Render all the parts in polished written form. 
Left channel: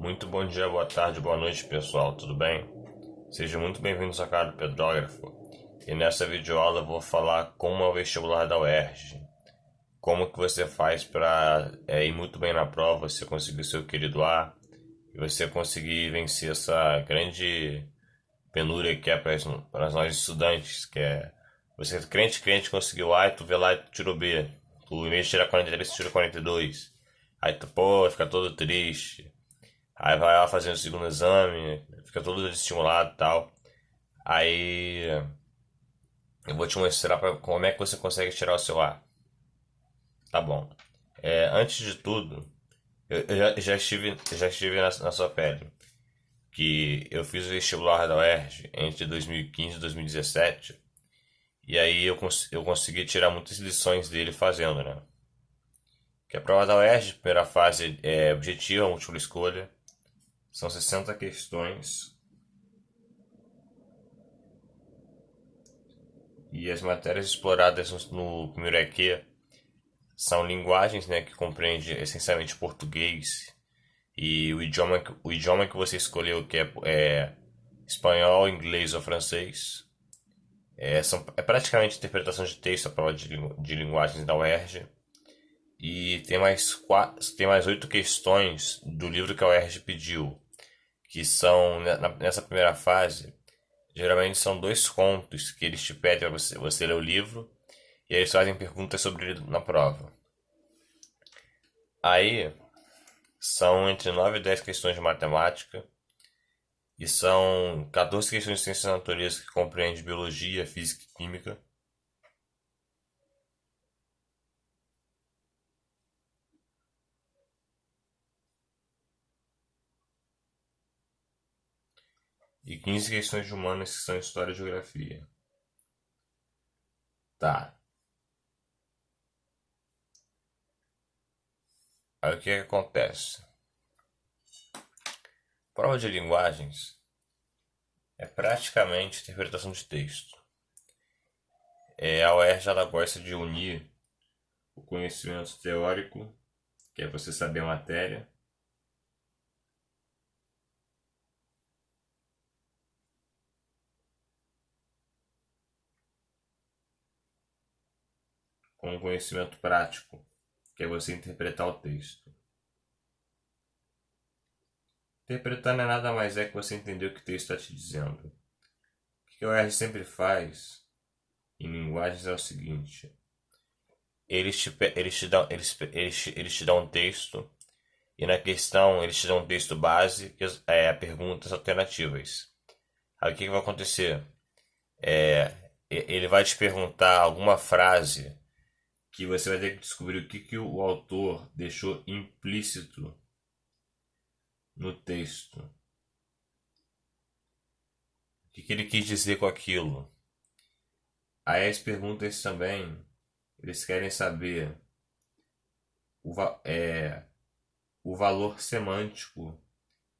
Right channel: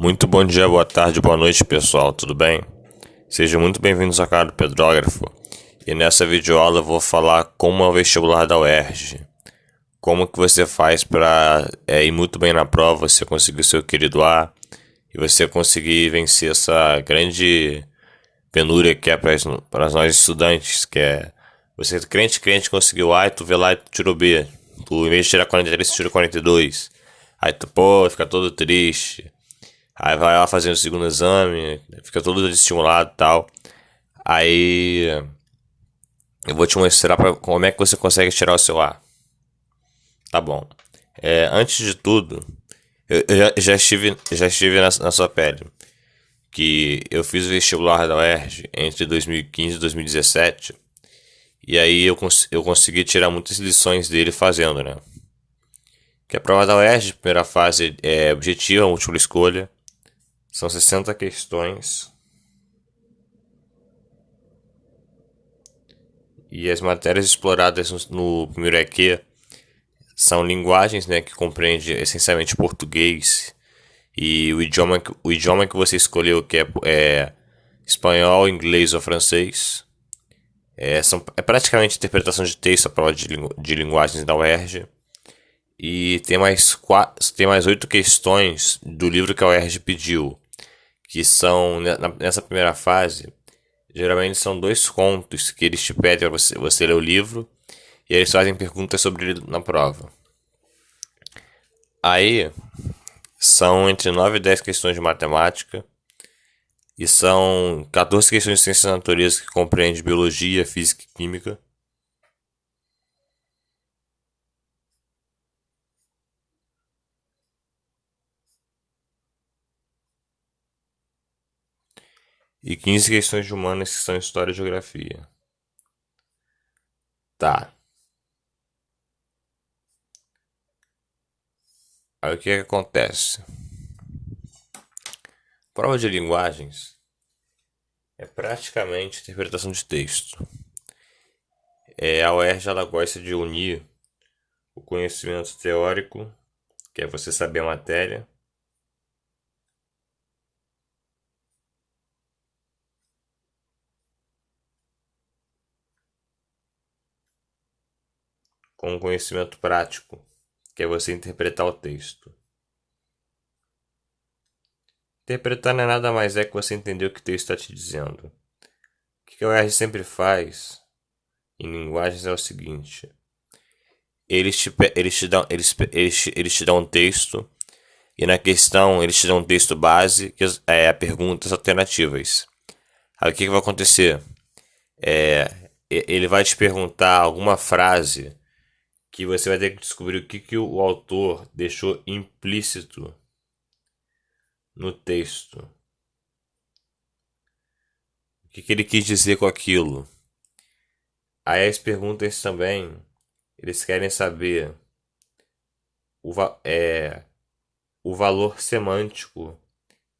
Muito bom dia, boa tarde, boa noite, pessoal, tudo bem? Sejam muito bem-vindos ao canal do Pedrógrafo. E nessa videoaula eu vou falar como é o vestibular da UERJ. Como que você faz para ir muito bem na prova, você conseguir o seu querido A e você conseguir vencer essa grande penúria que é para nós estudantes, que é você crente conseguiu A e tu vê lá e tu tirou B. Tu, em vez de tirar 43, tu tirou 42. Aí tu, pô, fica todo triste. Aí vai lá fazendo o segundo exame, fica todo desestimulado e tal. Aí eu vou te mostrar como é que você consegue tirar o seu A. Tá bom. Antes de tudo, eu já estive na sua pele. Que eu fiz o vestibular da UERJ entre 2015 e 2017. E aí eu consegui tirar muitas lições dele fazendo, né? Que a prova da UERJ, primeira fase é objetiva, múltipla escolha. São 60 questões. E as matérias exploradas no primeiro EQ são linguagens, né, que compreende essencialmente português e o idioma que você escolheu, que é espanhol, inglês ou francês. É praticamente interpretação de texto a prova de linguagens da UERJ. E tem mais 8 questões do livro que a UERJ pediu, que são, nessa primeira fase, geralmente são 2 contos que eles te pedem para você ler o livro e eles fazem perguntas sobre ele na prova. Aí são entre 9 e 10 questões de matemática e são 14 questões de ciências da natureza que compreende biologia, física e química. E 15 questões de humanas que são história e geografia. Tá. Aí o que acontece? Prova de linguagens é praticamente interpretação de texto. A UERJ ela gosta de unir o conhecimento teórico, que é você saber a matéria, com o conhecimento prático, que é você interpretar o texto. Interpretar não é nada mais que você entender o que o texto está te dizendo. O que a UERJ sempre faz em linguagens é o seguinte: eles te dão um texto e na questão eles te dão um texto base que é perguntas alternativas. Aí o que vai acontecer? Ele vai te perguntar alguma frase que você vai ter que descobrir o que o autor deixou implícito no texto. O que ele quis dizer com aquilo. Aí as perguntas também, eles querem saber o, o valor semântico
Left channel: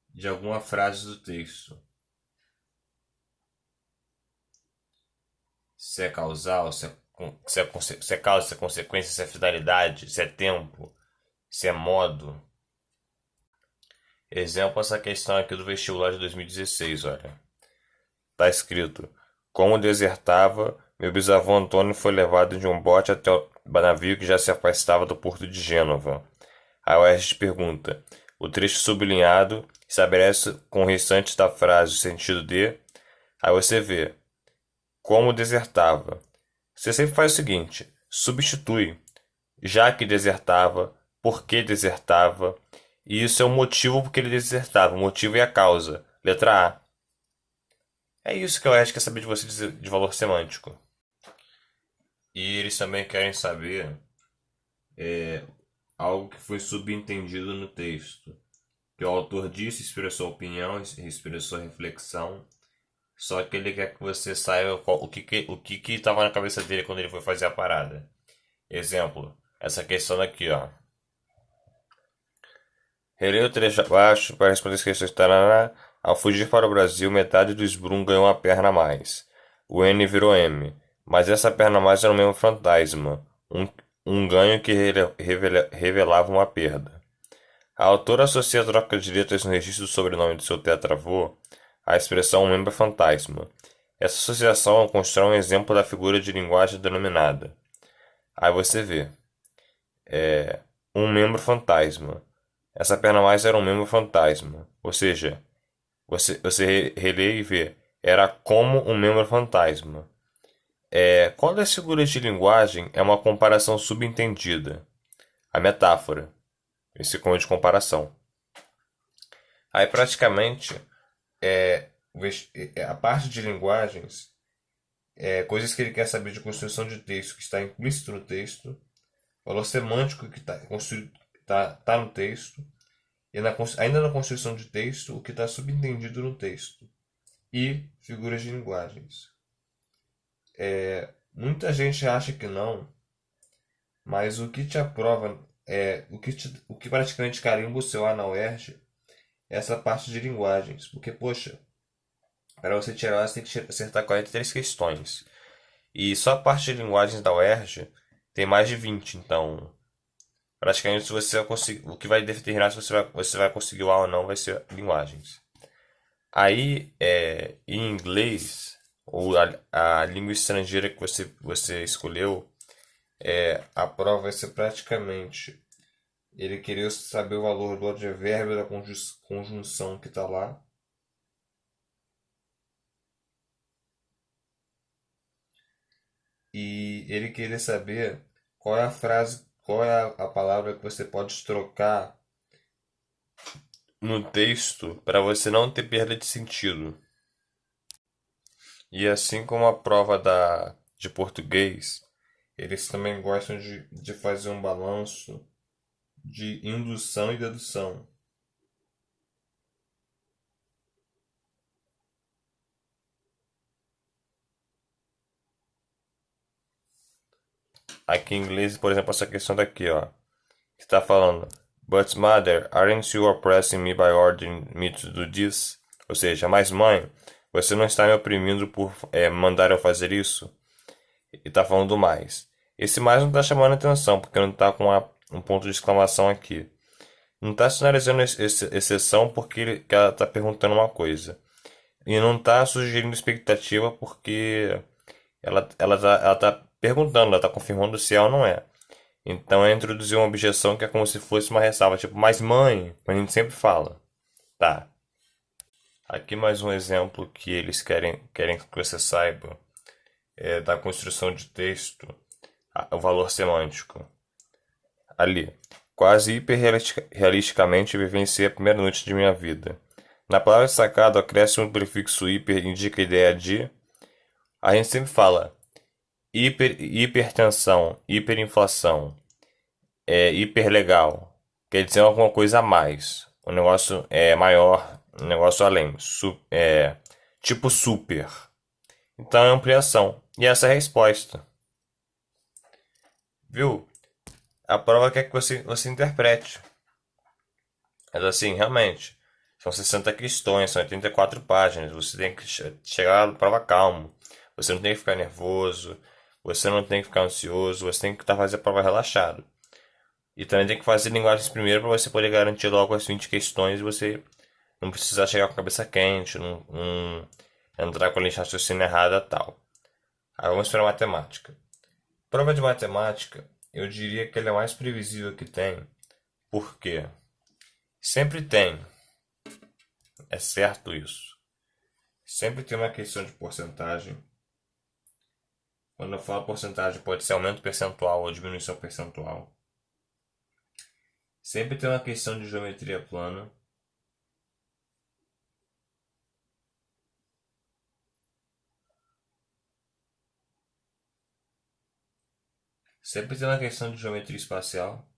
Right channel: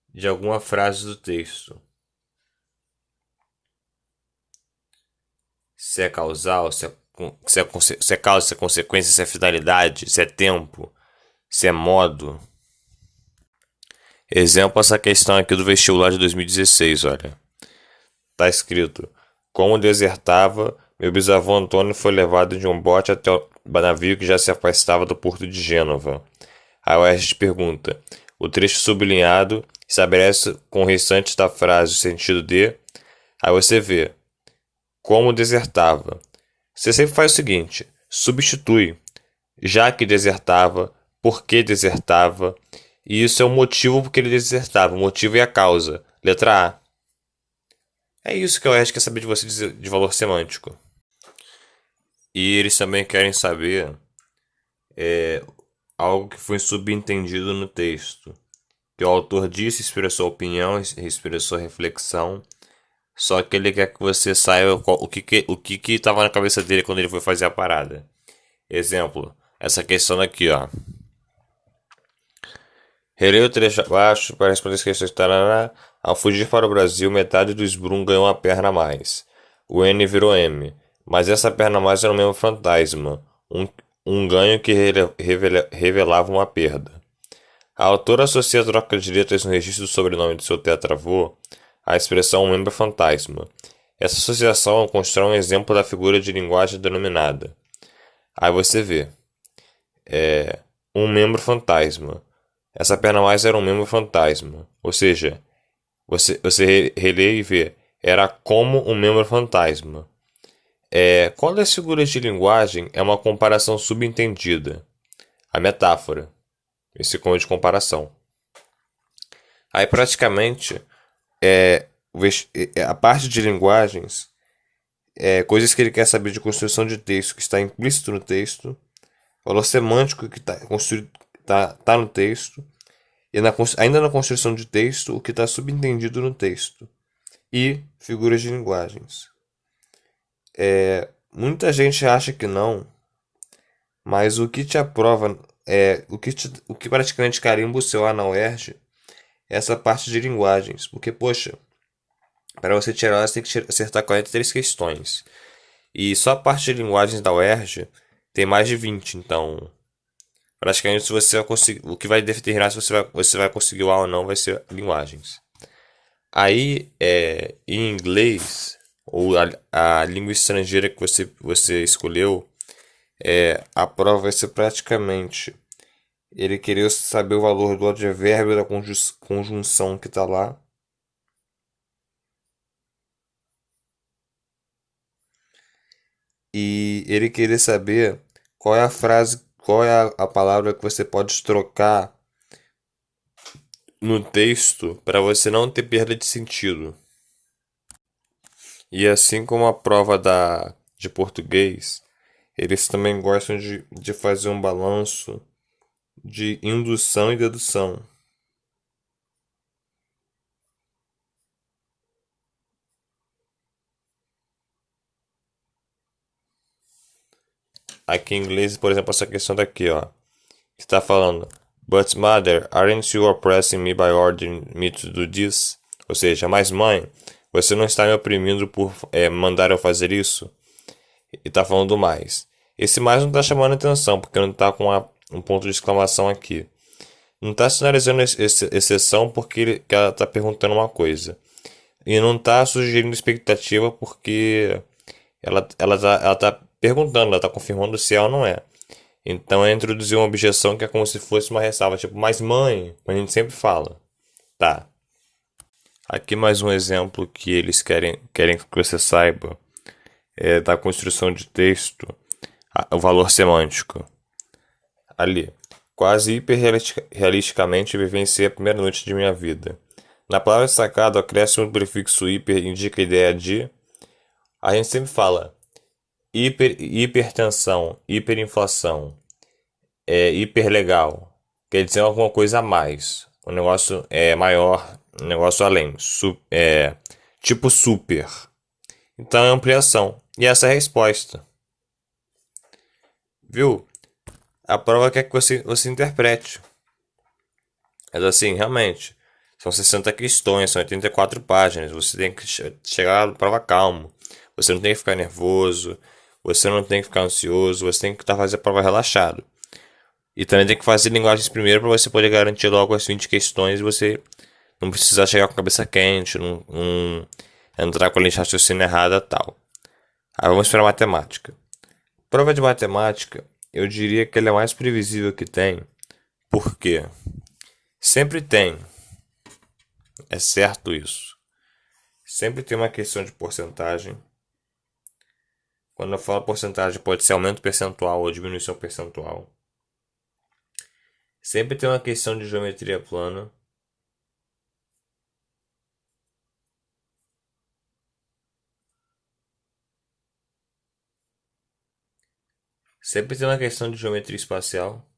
de alguma frase do texto. Se é causal, se é causa, se é consequência, se é finalidade, se é tempo, se é modo. Exemplo, essa questão aqui do vestibular de 2016, olha. Tá escrito: como desertava, meu bisavô Antônio foi levado de um bote até o navio que já se afastava do porto de Gênova. A UERJ pergunta: o trecho sublinhado estabelece com o restante da frase o sentido de. Aí você vê: como desertava. Você sempre faz o seguinte: substitui. Já que desertava, por que desertava, e isso é o motivo por que ele desertava. O motivo e a causa. Letra A. É isso que eu acho que quer saber de você de valor semântico. E eles também querem saber algo que foi subentendido no texto. Que o autor disse, expressou opinião, expressou reflexão, só que ele quer que você saiba o que estava na cabeça dele quando ele foi fazer a parada. Exemplo, essa questão aqui, ó. Relei o trecho abaixo para responder as questões. Tarará. Ao fugir para o Brasil, metade do Sbrum ganhou uma perna a mais. O N virou M. Mas essa perna a mais era o mesmo fantasma. Um ganho que revelava uma perda. A autora associa a troca de letras no registro do sobrenome de seu tetravô à expressão membro fantasma. Essa associação constrói um exemplo da figura de linguagem denominada. Aí você vê, um membro fantasma. Essa perna mais era um membro fantasma. Ou seja, você relê e vê, era como um membro fantasma. Qual das figuras de linguagem é uma comparação subentendida? A metáfora. Esse como de comparação. Aí praticamente a parte de linguagens coisas que ele quer saber de construção de texto que está implícito no texto, valor semântico que está construído tá no texto e ainda na construção de texto o que está subentendido no texto e figuras de linguagens. Muita gente acha que não, mas o que te aprova o que praticamente carimba o seu A na UERJ é essa parte de linguagens, porque poxa, para você tirar você tem que acertar 43 questões. E só a parte de linguagens da UERJ tem mais de 20, então praticamente se você vai conseguir, o que vai determinar se você vai conseguir o A ou não vai ser linguagens. Aí, em inglês, ou a língua estrangeira que você escolheu, a prova vai ser praticamente ele queria saber o valor do advérbio da conjunção que está lá. E ele queria saber qual é a frase, qual é a palavra que você pode trocar no texto para você não ter perda de sentido. E assim como a prova de português, eles também gostam de fazer um balanço de indução e dedução. Aqui em inglês, por exemplo, essa questão daqui, ó, que está falando: But mother, aren't you oppressing me by ordering me to do this? Ou seja, mas mãe, você não está me oprimindo por mandar eu fazer isso? E tá falando mais. Esse mais não tá chamando atenção, porque não tá com um ponto de exclamação aqui. Não tá sinalizando exceção porque que ela tá perguntando uma coisa. E não tá sugerindo expectativa porque ela tá perguntando, ela tá confirmando se é ou não é. Então é introduzir uma objeção que é como se fosse uma ressalva, tipo, mas mãe, a gente sempre fala. Tá. Aqui mais um exemplo que eles querem que você saiba da construção de texto, o valor semântico. Ali. Quase hiperrealisticamente vivenciei a primeira noite de minha vida. Na palavra destacada, o acréscimo do prefixo hiper indica a ideia de. A gente sempre fala hipertensão, hiperinflação, hiperlegal. Quer dizer alguma coisa a mais. Um negócio maior, um negócio além. Tipo super. Então é ampliação. E essa é a resposta. Viu? A prova quer que você interprete. Mas assim, realmente, são 60 questões, são 84 páginas. Você tem que chegar na prova calmo. Você não tem que ficar nervoso, você não tem que ficar ansioso, você tem que fazer a prova relaxado. E também tem que fazer linguagens primeiro para você poder garantir logo as 20 questões e você não precisar chegar com a cabeça quente, não entrar com a linha de raciocínio errada e tal. Aí vamos para a matemática. Prova de matemática, eu diria que ela é a mais previsível que tem. Por quê? Sempre tem. É certo isso. Sempre tem uma questão de porcentagem. Quando eu falo porcentagem, pode ser aumento percentual ou diminuição percentual. Sempre tem uma questão de geometria plana. Sempre tem uma questão de geometria espacial.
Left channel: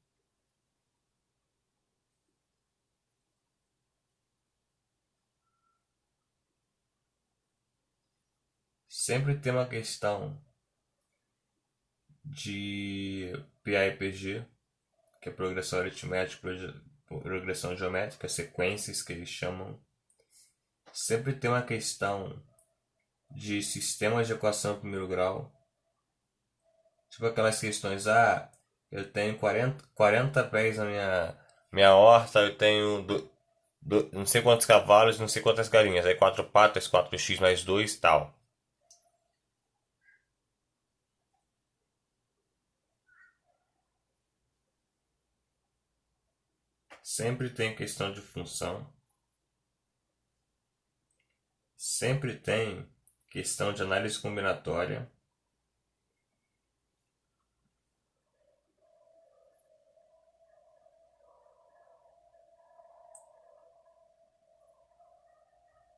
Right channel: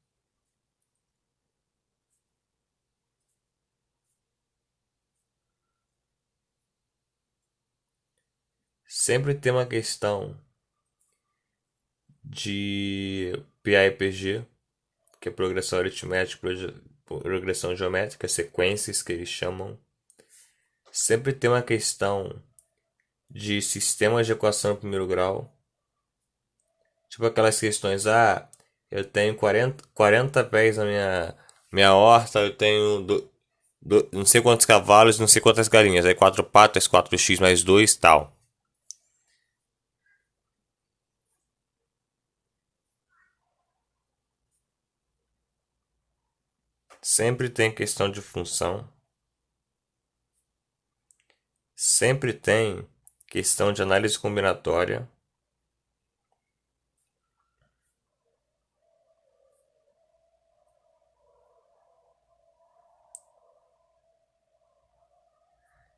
Sempre tem uma questão de PA/PG, que é progressão aritmética, progressão geométrica, sequências que eles chamam. Sempre tem uma questão de sistemas de equação em primeiro grau. Tipo aquelas questões, eu tenho 40 pés Minha horta eu tenho não sei quantos cavalos, não sei quantas galinhas. Aí quatro patas, 4x mais 2 tal. Sempre tem questão de função. Sempre tem questão de análise combinatória.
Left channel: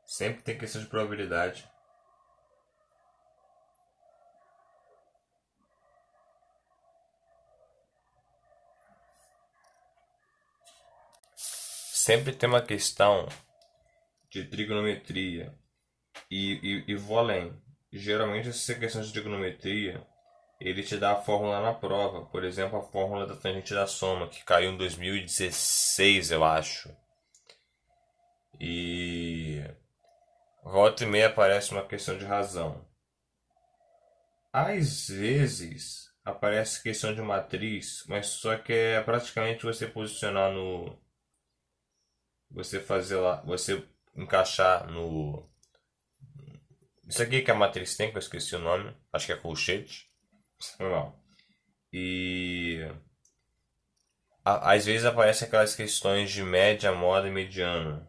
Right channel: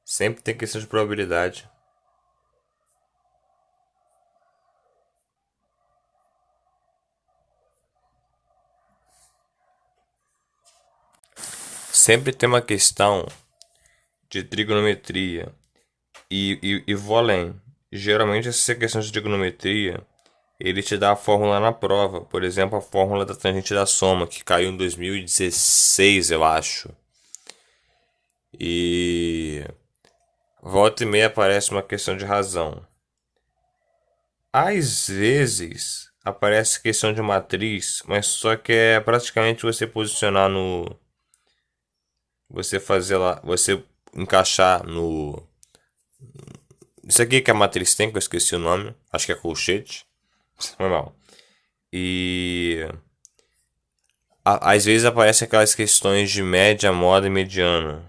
Sempre tem questão de probabilidade. Sempre tem uma questão de trigonometria. E vou além. Geralmente essa questão de trigonometria, ele te dá a fórmula na prova. Por exemplo, a fórmula da tangente da soma, que caiu em 2016, eu acho. E volta e meia aparece uma questão de razão. Às vezes aparece questão de matriz, mas só que é praticamente você posicionar no. Você fazer lá. Você encaixar no. Isso aqui que a matriz tem, que eu esqueci o nome. Acho que é colchete. Normal. E. Às vezes aparecem aquelas questões de média, moda e mediano.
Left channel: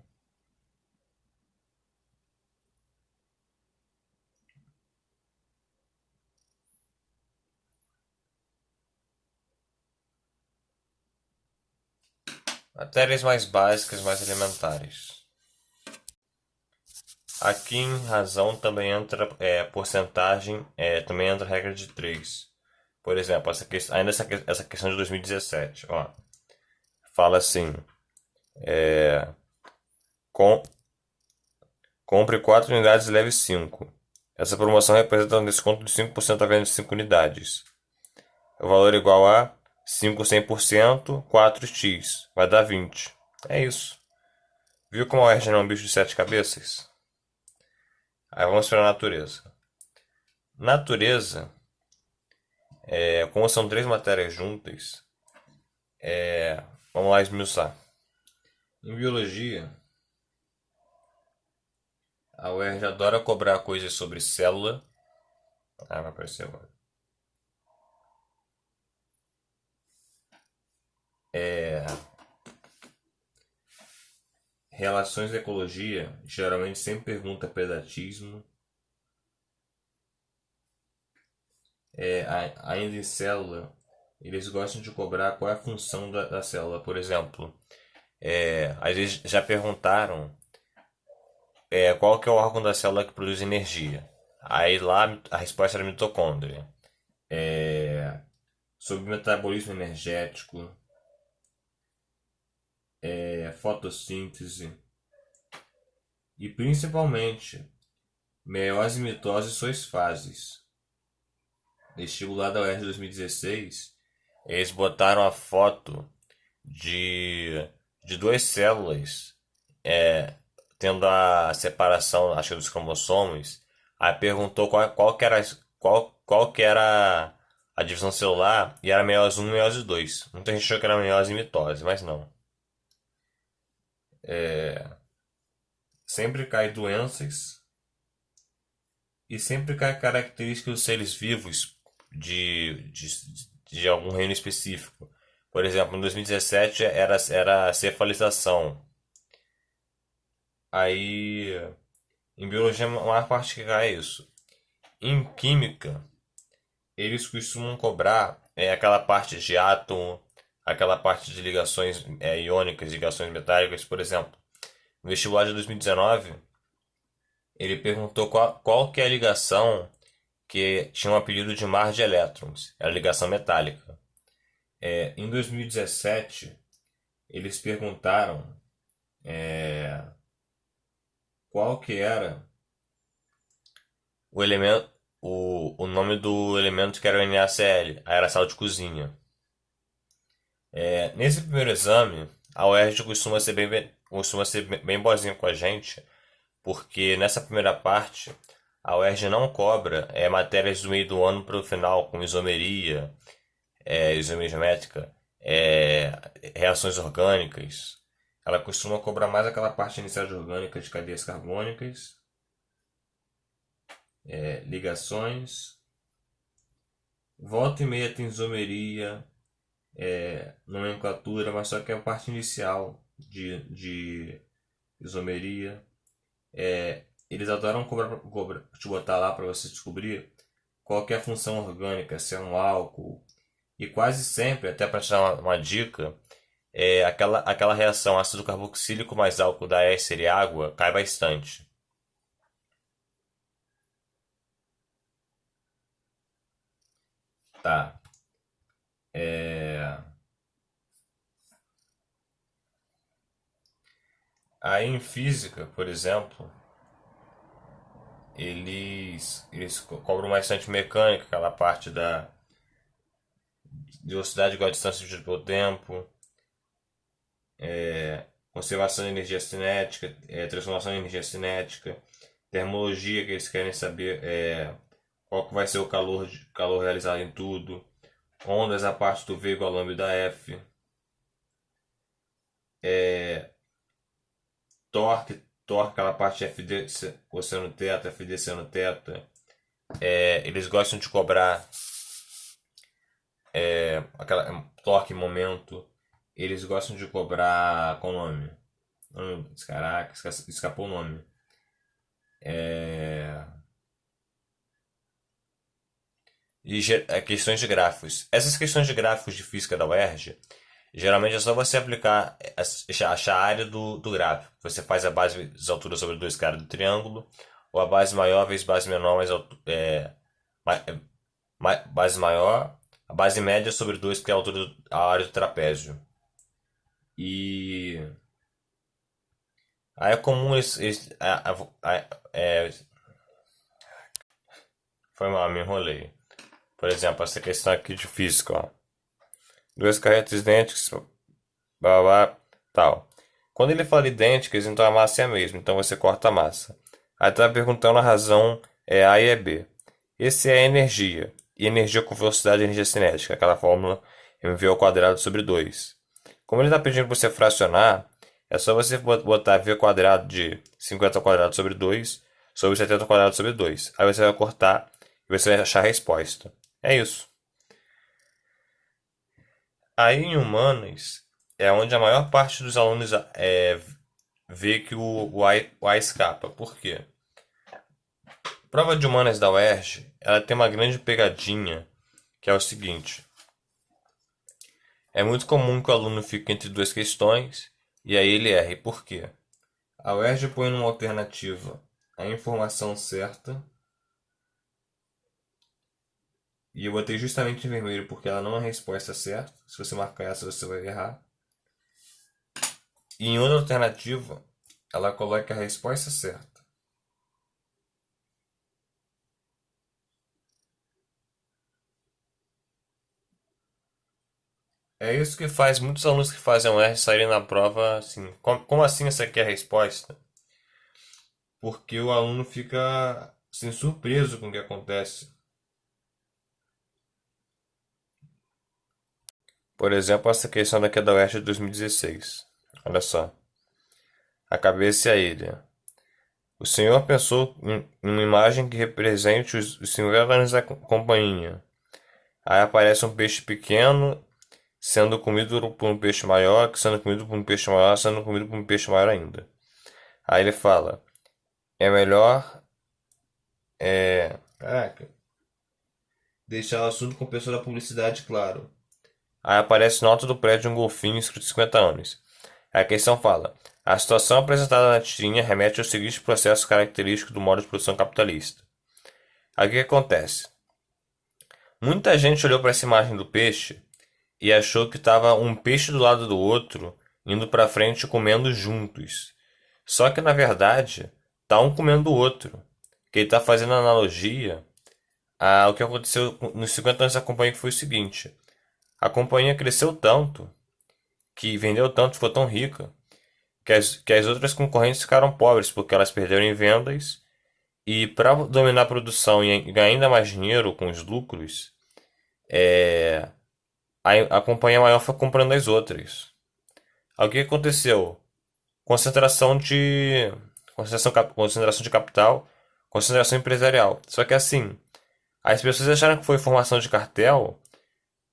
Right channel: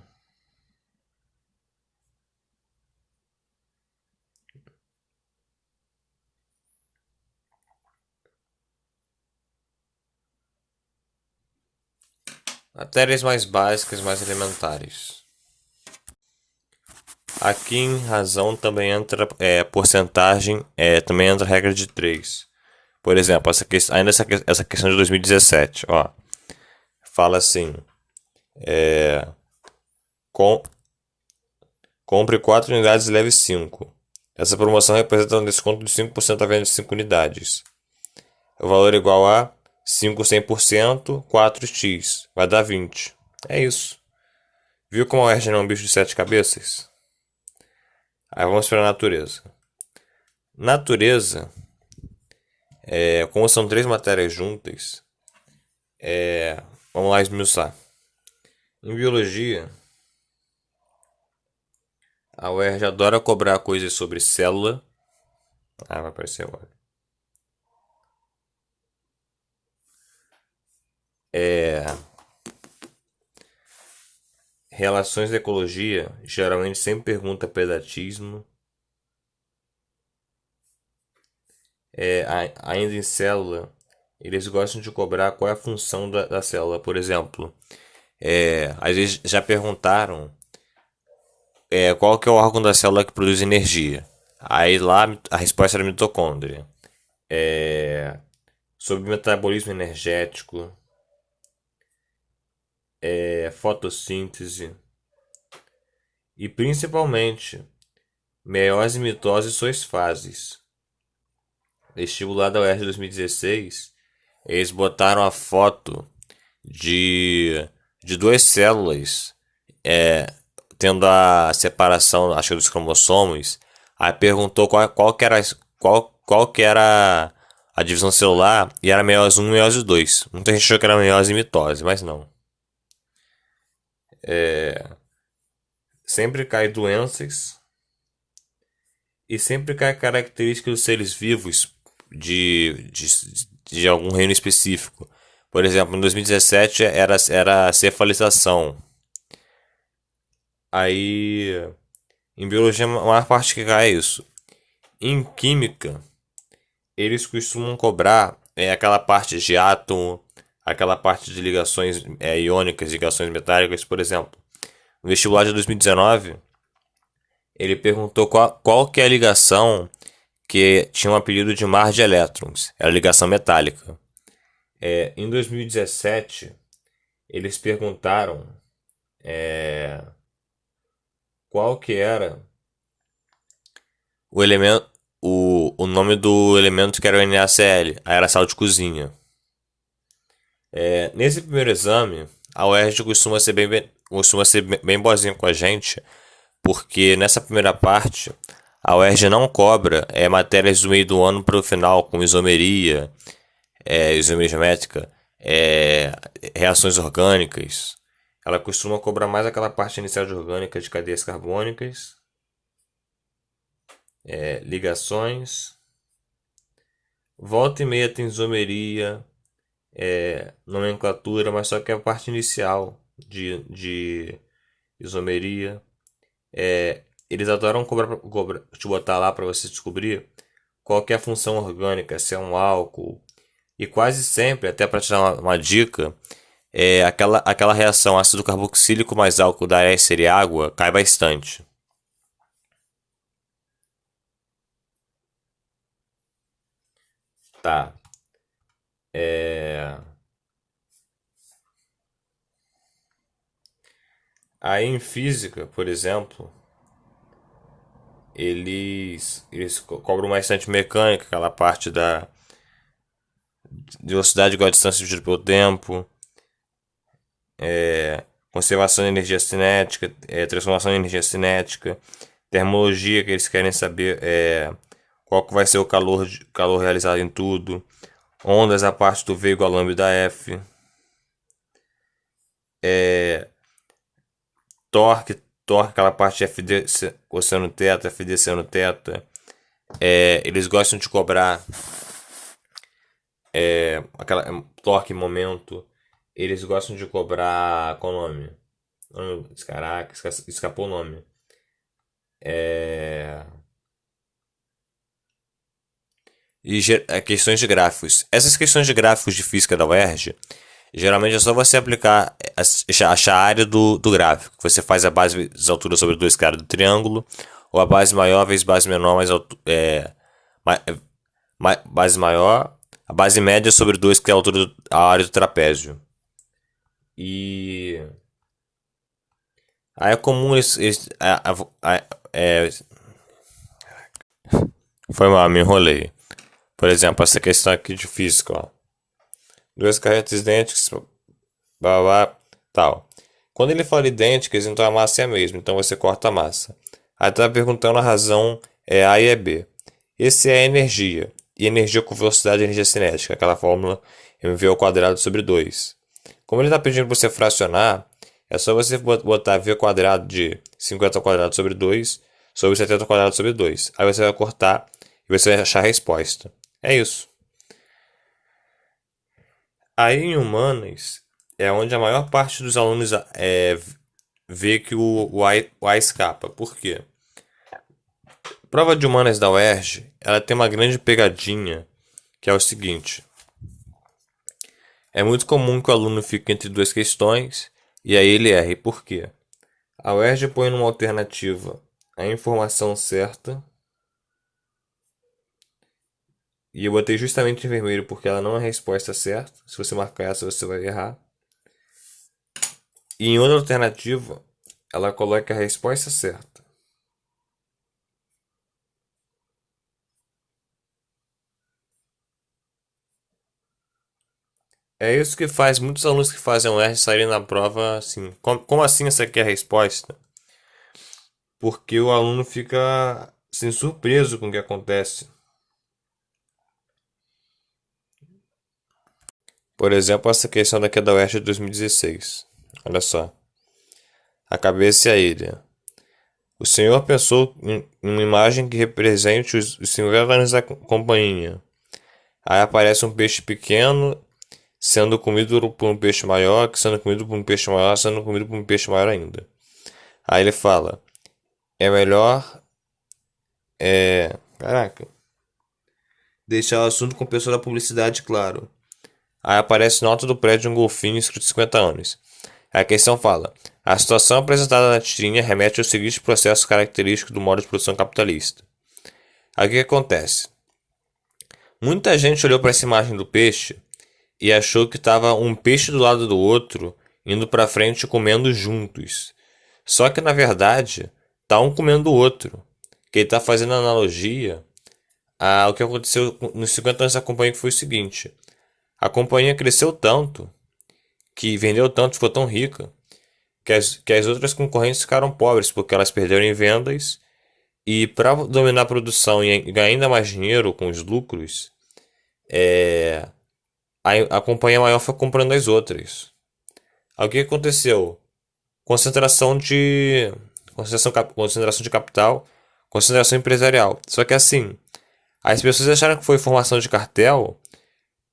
Matérias mais básicas, mais elementares. Aqui em razão também entra porcentagem, também entra regra de 3. Por exemplo, ainda essa questão de 2017, ó, fala assim, com, compre 4 unidades e leve 5. Essa promoção representa um desconto de 5% à venda de 5 unidades. O valor é igual a 5 100%, 4x, vai dar 20. É isso. Viu como a UERJ não é um bicho de 7 cabeças? Aí vamos para a natureza. Natureza, como são 3 matérias juntas, vamos lá esmiuçar. Em biologia, a UERJ adora cobrar coisas sobre célula. Ah, vai aparecer agora. Relações da ecologia, geralmente sempre pergunta pedatismo. Ainda em célula, eles gostam de cobrar qual é a função da célula. Por exemplo, às vezes já perguntaram qual que é o órgão da célula que produz energia. Aí lá a resposta era mitocôndria. Sobre metabolismo energético, fotossíntese e principalmente meiose, mitose e suas fases. Vestibular da UERJ 2016, eles botaram a foto de duas células tendo a separação, acho que dos cromossomos. Aí perguntou qual que era a divisão celular e era meiose 1 e meiose 2. Muita gente achou que era meiose e mitose, mas não. Sempre cai doenças e sempre cai características dos seres vivos de algum reino específico. Por exemplo, em 2017 era cefalização. Aí, em biologia, a maior parte que cai é isso. Em química, eles costumam cobrar aquela parte de átomo, aquela parte de ligações iônicas, ligações metálicas, por exemplo. No vestibular de 2019, ele perguntou qual que é a ligação que tinha um apelido de mar de elétrons. Era ligação metálica. Em 2017, eles perguntaram qual que era o elemento, o nome do elemento que era o NaCl, aí era sal de cozinha. Nesse primeiro exame, a UERJ costuma ser bem boazinha com a gente, porque nessa primeira parte, a UERJ não cobra matérias do meio do ano para o final, como isomeria, isomeria geométrica, é, reações orgânicas. Ela costuma cobrar mais aquela parte inicial de orgânica de cadeias carbônicas, ligações. Volta e meia tem isomeria, nomenclatura, mas só que é a parte inicial de isomeria. Eles adoram te botar lá para você descobrir qual que é a função orgânica, se é um álcool. E quase sempre, até para te dar uma dica, aquela reação ácido carboxílico mais álcool da éster e água cai bastante. Tá. É... Aí em física, por exemplo, eles cobram bastante mecânica, aquela parte da velocidade igual a distância dividida pelo tempo, conservação de energia cinética, transformação de energia cinética, termologia, que eles querem saber qual que vai ser o calor realizado em tudo, ondas a parte do V igual a lambda F, torque, aquela parte FD cosseno teta, FD seno teta. Eles gostam de cobrar aquela torque momento. Eles gostam de cobrar. Qual o nome? Caraca, escapou o nome. Questões de gráficos. Essas questões de gráficos de física da UERJ, geralmente é só você aplicar, achar a área do gráfico. Você faz a base vezes altura sobre 2 caras do triângulo, ou a base maior vezes base menor mais base maior, a base média sobre 2 que é a altura a área do trapézio. E aí é comum foi mal, me enrolei. Por exemplo, essa questão aqui de física, ó. Duas carretas idênticas, blá, blá, tal. Quando ele fala idênticas, então a massa é a mesma, então você corta a massa. Aí tá perguntando a razão A e B. Esse é a energia. E energia com velocidade é energia cinética, aquela fórmula mv ao quadrado sobre 2. Como ele está pedindo para você fracionar, é só você botar v quadrado de 50 ao quadrado sobre 2 sobre 70 ao quadrado sobre 2. Aí você vai cortar e você vai achar a resposta. É isso. Aí em humanas é onde a maior parte dos alunos vê que o A escapa. Por quê? Prova de humanas da UERJ, ela tem uma grande pegadinha, que é o seguinte. É muito comum que o aluno fique entre duas questões e aí ele erre. Por quê? A UERJ põe numa alternativa a informação certa, e eu botei justamente em vermelho porque ela não é a resposta certa. Se você marcar essa, você vai errar. E em outra alternativa, ela coloca a resposta certa. É isso que faz muitos alunos que fazem o R saírem na prova assim. Como assim essa aqui é a resposta? Porque o aluno fica assim, surpreso com o que acontece. Por exemplo, essa questão daqui é da UERJ de 2016. Olha só. A cabeça e a ilha. O senhor pensou em uma imagem que represente os 50 anos da companhia. Aí aparece um peixe pequeno sendo comido por um peixe maior, que sendo comido por um peixe maior, sendo comido por um peixe maior ainda. Aí ele fala: é melhor. Caraca. Deixar o assunto com o pessoal da publicidade claro. Aí aparece no alto do prédio um golfinho escrito 50 anos. Aí a questão fala: a situação apresentada na tirinha remete ao seguinte processo característico do modo de produção capitalista. Aí o que acontece? Muita gente olhou para essa imagem do peixe e achou que estava um peixe do lado do outro, indo para frente comendo juntos. Só que na verdade, tá um comendo o outro. Que ele está fazendo analogia ao que aconteceu nos 50 anos da companhia, que foi o seguinte: a companhia cresceu tanto, que vendeu tanto, ficou tão rica, que as outras concorrentes ficaram pobres, porque elas perderam em vendas. E para dominar a produção e ganhar ainda mais dinheiro com os lucros, a companhia maior foi comprando as outras. Aí o que aconteceu? Concentração de concentração de capital, concentração empresarial. Só que assim, as pessoas acharam que foi formação de cartel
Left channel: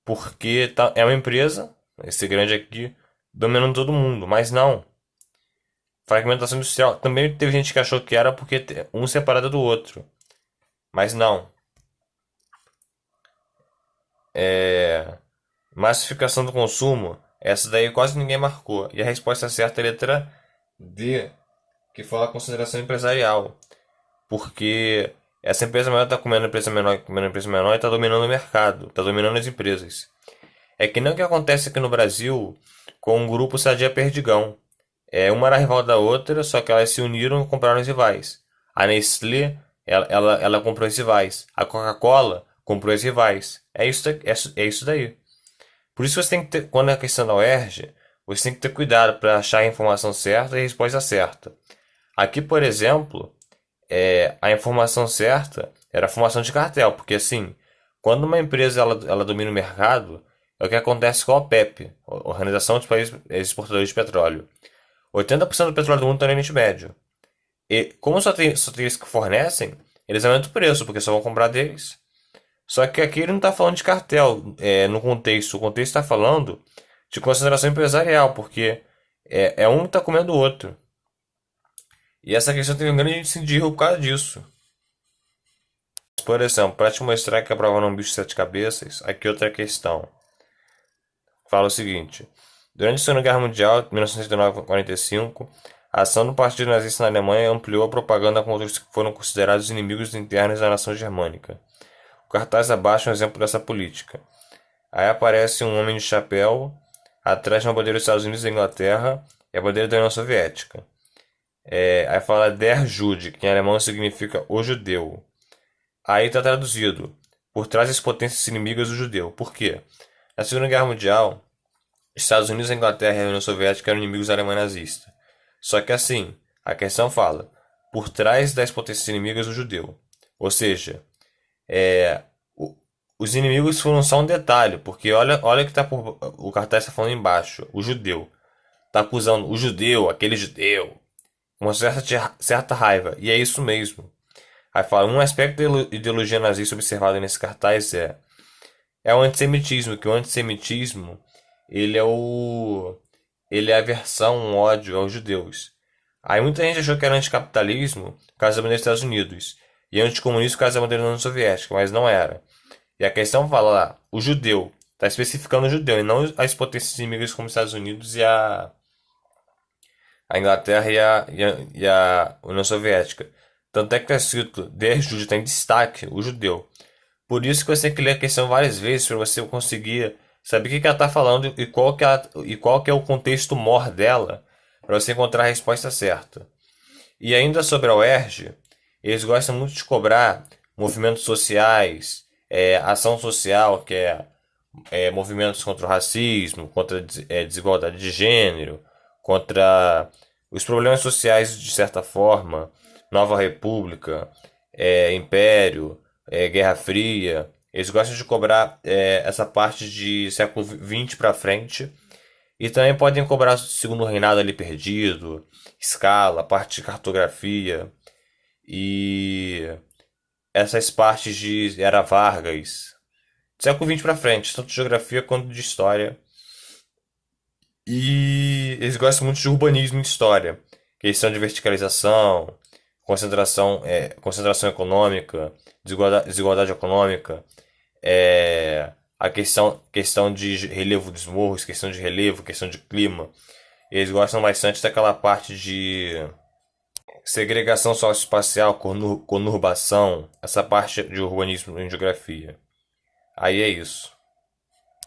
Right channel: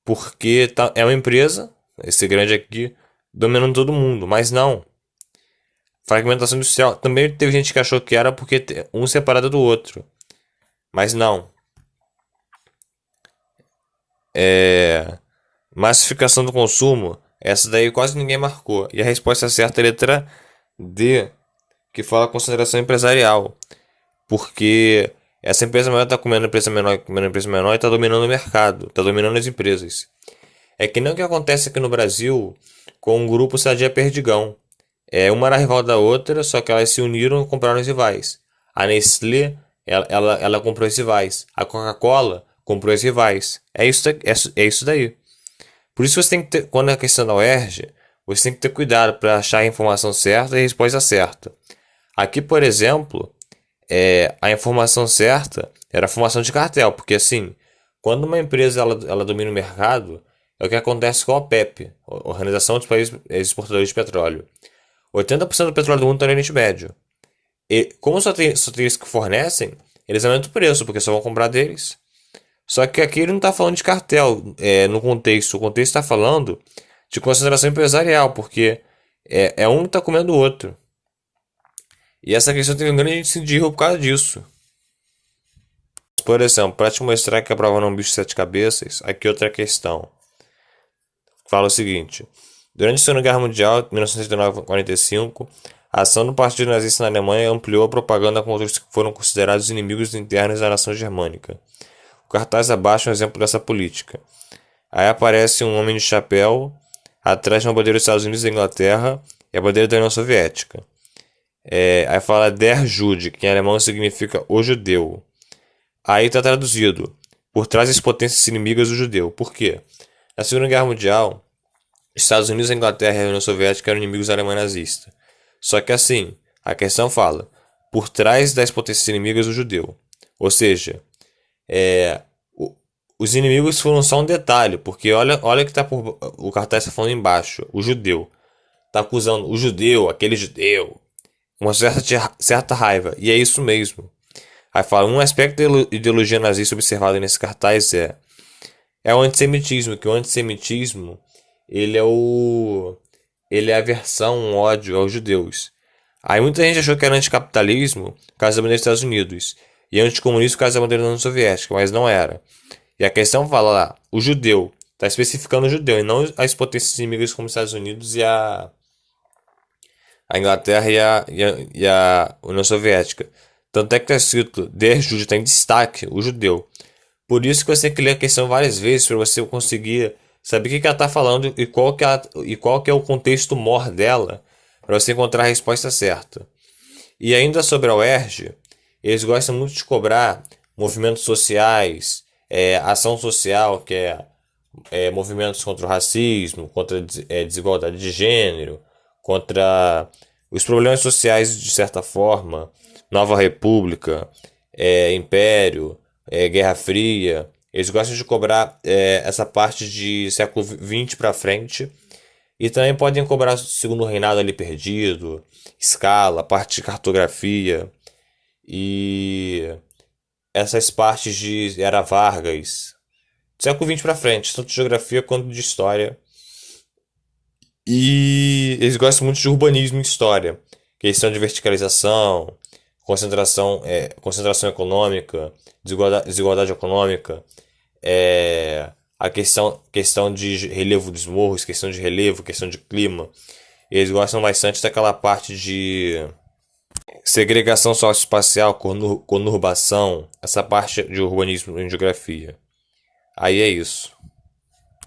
porque é uma empresa, esse grande aqui, dominando todo mundo, mas não. Fragmentação industrial. Também teve gente que achou que era porque um separado do outro, mas não. É... Massificação do consumo, essa daí quase ninguém marcou. E a resposta certa é a letra D, que fala concentração empresarial. Porque essa empresa maior está comendo a empresa menor e está dominando o mercado, está dominando as empresas. É que nem o que acontece aqui no Brasil com o grupo Sadia Perdigão. Uma era rival da outra, só que elas se uniram e compraram os rivais. A Nestlé, ela comprou os rivais. A Coca-Cola comprou os rivais. É isso daí. Por isso você tem que ter, quando é questão da UERJ, você tem que ter cuidado para achar a informação certa e a resposta certa. Aqui, por exemplo, a informação certa era a formação de cartel, porque assim, quando uma empresa ela domina o mercado, é o que acontece com a OPEP, Organização dos Países Exportadores de Petróleo. 80% do petróleo do mundo está no Oriente Médio. E como só tem eles que fornecem, eles aumentam o preço, porque só vão comprar deles. Só que aqui ele não está falando de cartel no contexto. O contexto está falando de concentração empresarial, porque um está comendo o outro. E essa questão teve um grande índice de erro por causa disso. Por exemplo, para te mostrar que a prova não é um bicho de sete cabeças, aqui outra questão. Fala o seguinte: durante a Segunda Guerra Mundial, 1939-45, a ação do Partido Nazista na Alemanha ampliou a propaganda contra os que foram considerados inimigos internos da nação germânica. O cartaz abaixo é um exemplo dessa política. Aí aparece um homem de chapéu, atrás de uma bandeira dos Estados Unidos e da Inglaterra e a bandeira da União Soviética. Aí fala Der Jude, que em alemão significa o judeu. Aí está traduzido: por trás das potências inimigas do judeu. Por quê? Na Segunda Guerra Mundial, Estados Unidos, a Inglaterra e a União Soviética eram inimigos da Alemanha nazista. Só que assim, a questão fala: por trás das potências inimigas do judeu. Ou seja, os inimigos foram só um detalhe, porque olha que tá o cartaz está falando embaixo, o judeu. Tá acusando o judeu, aquele judeu, uma certa raiva. E é isso mesmo. Aí fala, um aspecto da ideologia nazista observado nesse cartaz é o antissemitismo, que o antissemitismo ele é a aversão, um ódio aos judeus. Aí muita gente achou que era anticapitalismo por causa da bandeira dos Estados Unidos e anticomunismo por causa da bandeira da União Soviética, mas não era. E a questão fala lá, o judeu, está especificando o judeu e não as potências inimigas como os Estados Unidos e a Inglaterra e a União Soviética. Tanto é que está escrito, Der Jude, está em destaque, o judeu. Por isso que você tem que ler a questão várias vezes para você conseguir saber o que ela está falando e qual que é o contexto maior dela, para você encontrar a resposta certa. E ainda sobre a UERJ, eles gostam muito de cobrar movimentos sociais, ação social, que movimentos contra o racismo, contra a desigualdade de gênero, contra os problemas sociais de certa forma, Nova República, Império, Guerra Fria. Eles gostam de cobrar essa parte de século XX para frente. E também podem cobrar o segundo reinado ali perdido, escala, parte de cartografia e essas partes de Era Vargas. Século XX para frente, tanto de geografia quanto de história. E eles gostam muito de urbanismo e história. Questão de verticalização, concentração econômica, desigualdade econômica, a questão de relevo dos morros, questão de relevo, questão de clima. Eles gostam bastante daquela parte de segregação socioespacial, conurbação, essa parte de urbanismo em geografia. Aí é isso.